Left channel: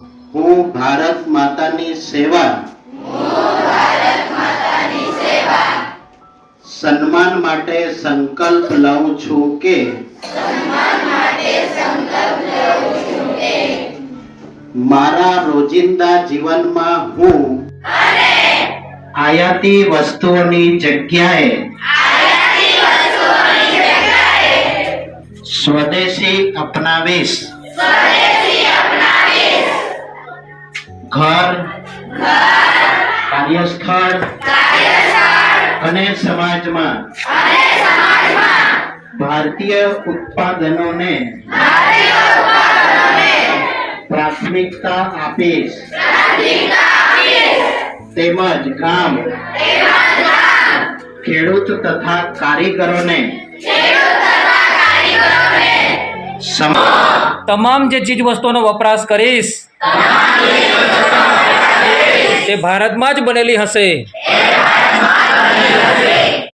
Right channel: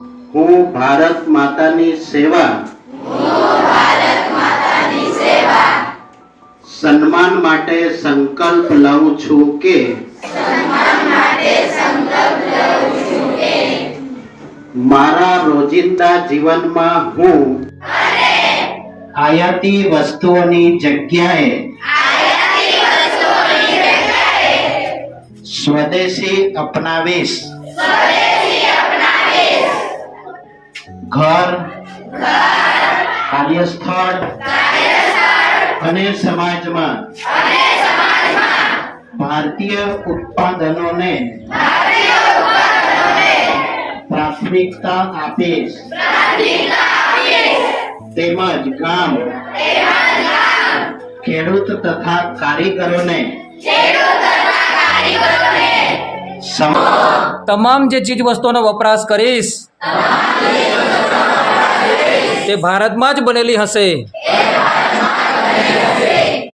હું ભારત માતાની સેવા સન્માન માટે સંકલ્પ લઉં છું કે મારા રોજિંદા જીવનમાં હું આયાતી વસ્તુઓની જગ્યાએ સ્વદેશી અપનાવીશ। ઘર, કાર્યસ્થળ અને સમાજમાં ભારતીય ઉત્પાદનોને પ્રાથમિકતા આપીશ તેમજ ગામ, ખેડૂત તથા કારીગરોને તમામ જે ચીજ વસ્તુઓનો વપરાશ કરીશ તે ભારતમાં જ બનેલી હશે।